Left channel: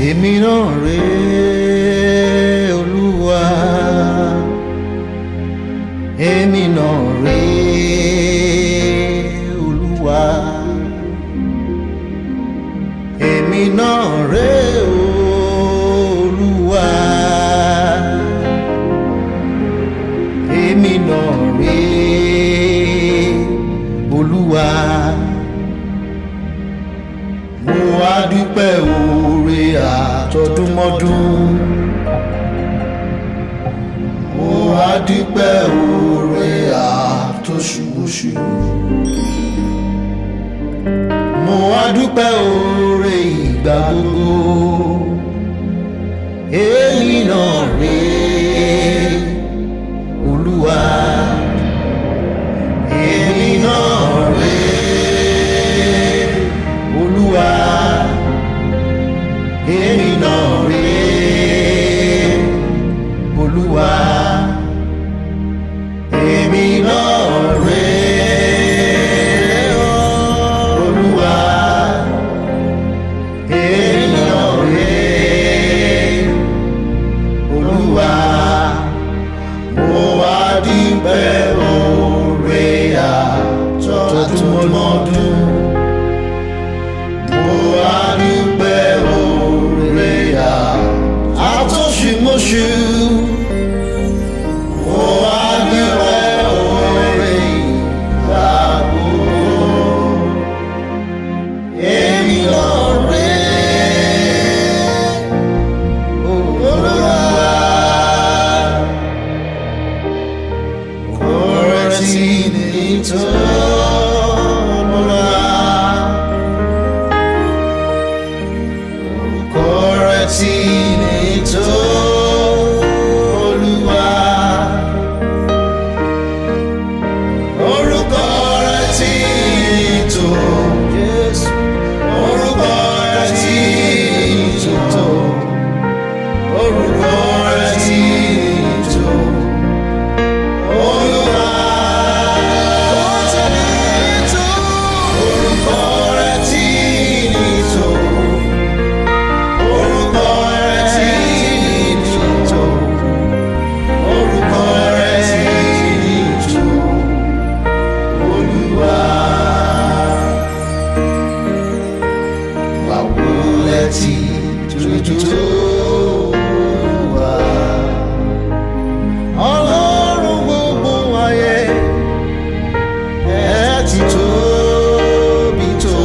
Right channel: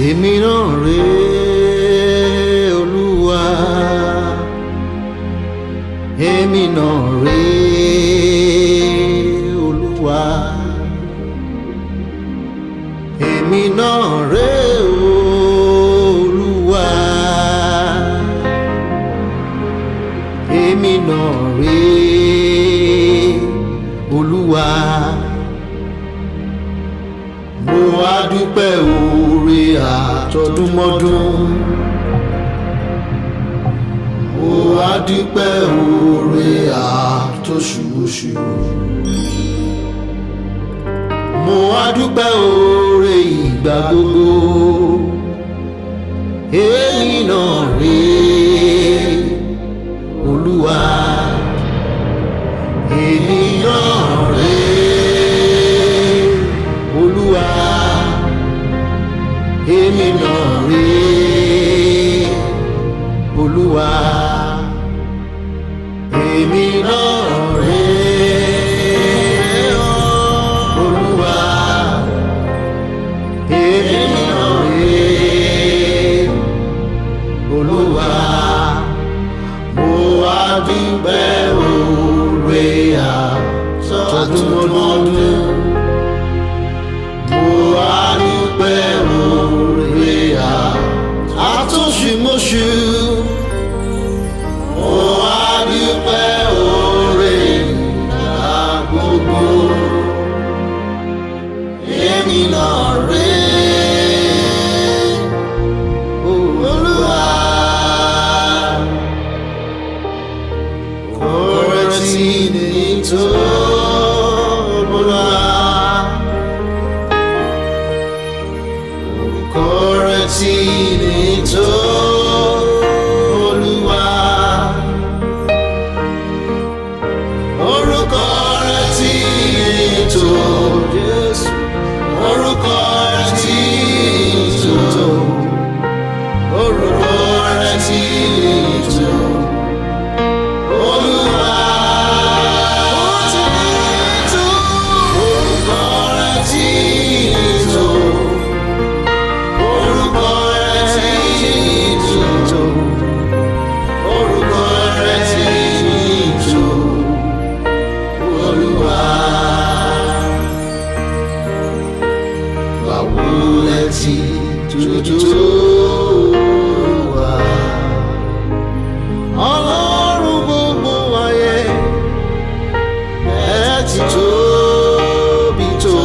èmi náà rèé Olúwa, èmi náà rèé Olúwa, èmi náà rèé Olúwa, èmi náà rèé Olúwa. Mo wá dúpẹ́ oore àtọdúnmọ́dún, mo wá dúpẹ́ oore àtoṣùmọṣù, mo wá dúpẹ́ oore ìgbà gbogbo. Èmi náà rèé Olúwa, èmi náà rèé Olúwa, èmi náà rèé Olúwa, èmi náà rèé Olúwa, èmi náà rèé Olúwa. Mo wá dúpẹ́ oore àtọdúnmọ́dún, mo wá dúpẹ́ oore àtoṣùmọṣù, mo wá dúpẹ́ oore ìgbà gbogbo. Èmi náà rèé Olúwa, oore tí ní tó Olúwa. Tí ní tó Olúwa, orúkọ rẹ̀ tí ní tó Jésù, orúkọ rẹ̀ tí ní tó, orúkọ rẹ̀ tí ní tó Olúwa, ó ti ní tó, orúkọ rẹ̀ tí ní tó. Tí tuntun wá, Ọlọ́run gbogbo ayé, ẹ ti tóbi tó.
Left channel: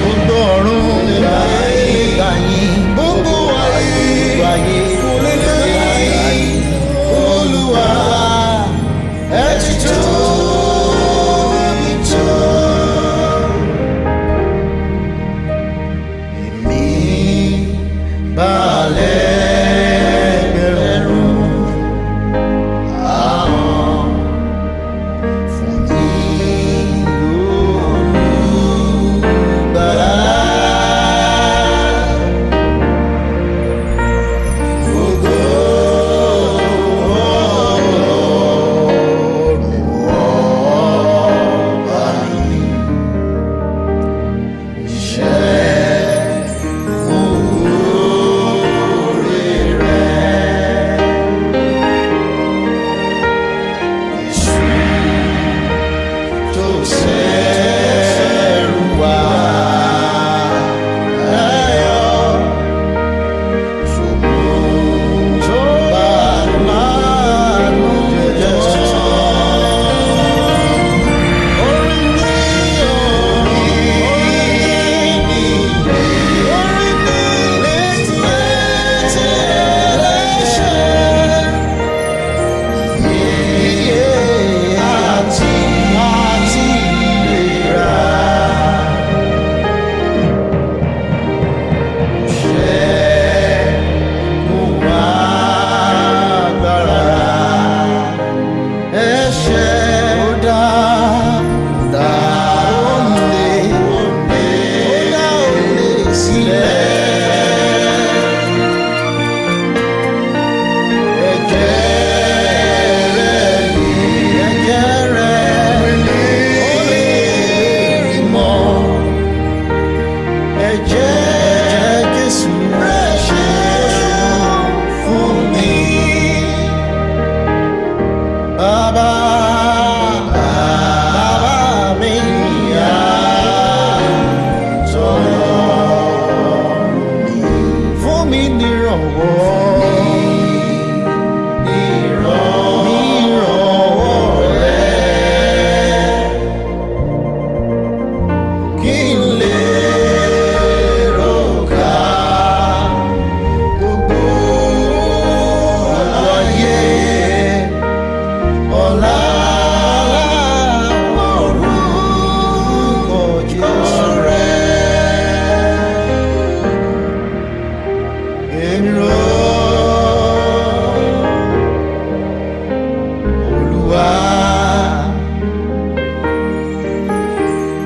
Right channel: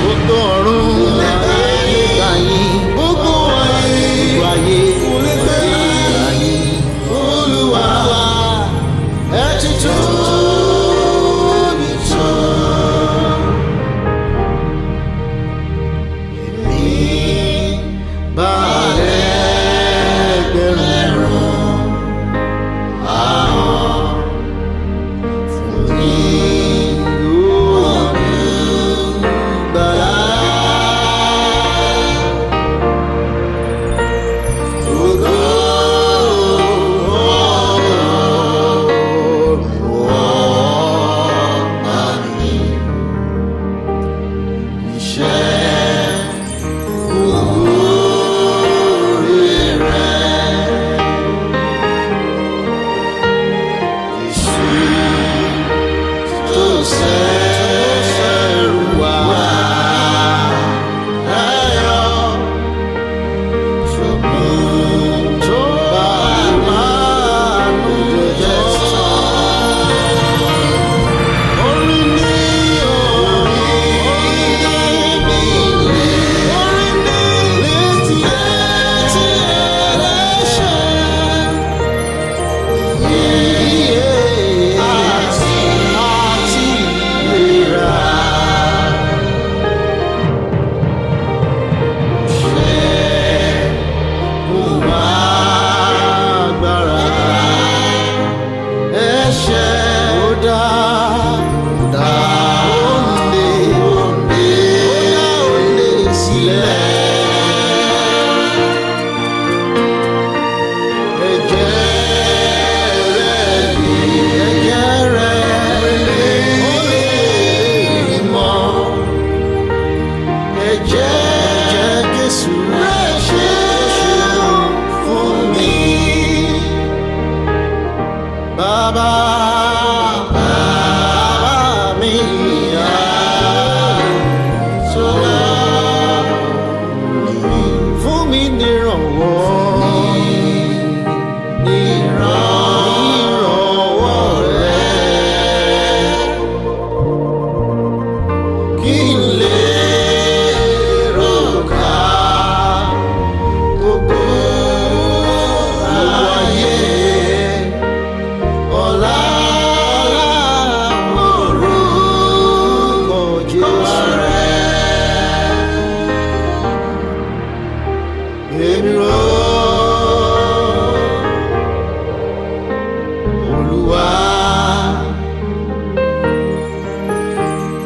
Gbogbo ọ̀run ayé lè gbà yín, gbogbo ayé kò lè gbà yín. Olúwa, ẹ ti tóbi tó.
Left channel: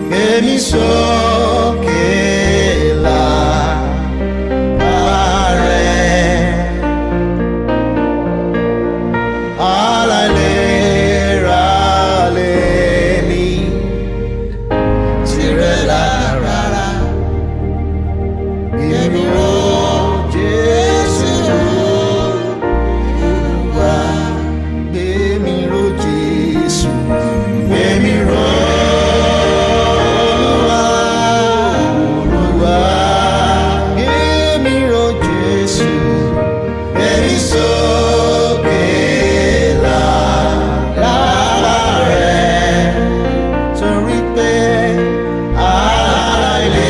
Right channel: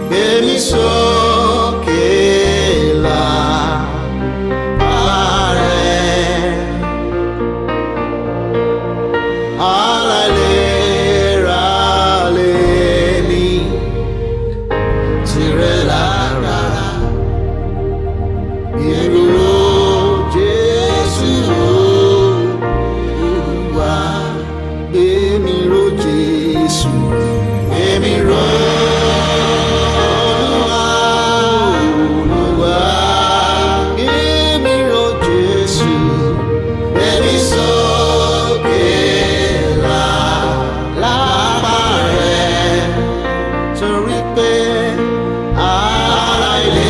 gbé mi sókè lágbára rẹ̀. Aláìlera lèmi, tìrẹ lágbára. Gbé mi ró Jésù Olúwa, gbé mi ró Jésù, gbé mi ró Olúwa, Olúwa, gbé mi ró Jésù, gbé mi sókè lágbára rẹ̀, torí pé aláìlera